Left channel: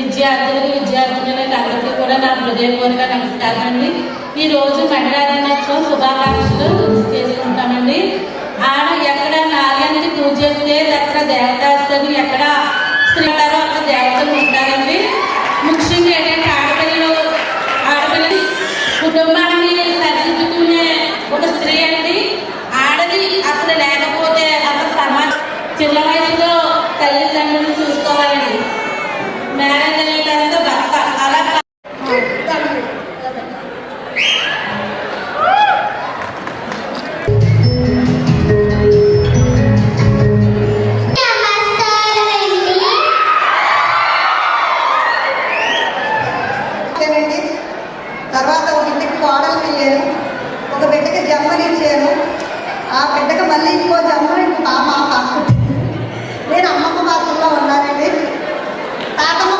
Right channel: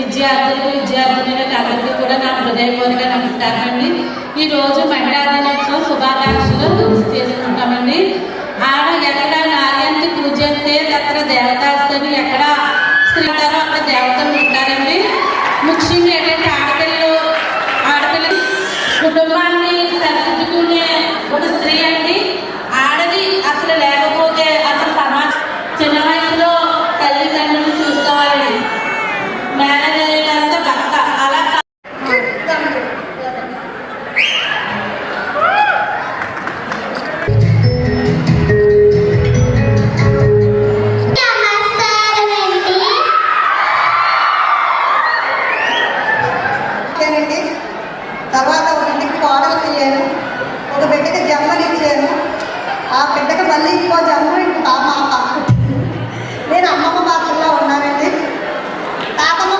విద్యార్థులకు అందరికీ కూడా నా హృదయపూర్వక నమస్కారం అండి. ఈరోజు మహిళా దినోత్సవం శుభాకాంక్షలు చేసుకుంటామండి. ఆడ ఎక్కడ నార్యాన్ని పూజిస్తే అక్కడ దేవతాస్తని ఎక్కడ స్త్రీతారో అక్కడ దేవతలు ఉంటారండి. ముఖ్యంగా ఏంటంటే ఆడపిల్లలు కుటుంబాన్ని సరిదిద్దుకునే ఒక స్త్రీ అండి. ఆడది అసలు లేకపోతే అసలు సమాజం చిన్న వయసులో తల్లిదండ్రులను చూసుకోవాలండి. మ్యారేజ్ అయిన తర్వాత భర్త అలా తర్వాత ఒక బిడ్డకి కోడలు అయ్యాను, ఒక బిడ్డకి జన్మనిచ్చాను. ఆ బిడ్డకి మళ్ళీ ఇంకో జన్మ మా నేను అమ్మమ్మ పాత్రలో ఉన్నానండి. తాతమ్మ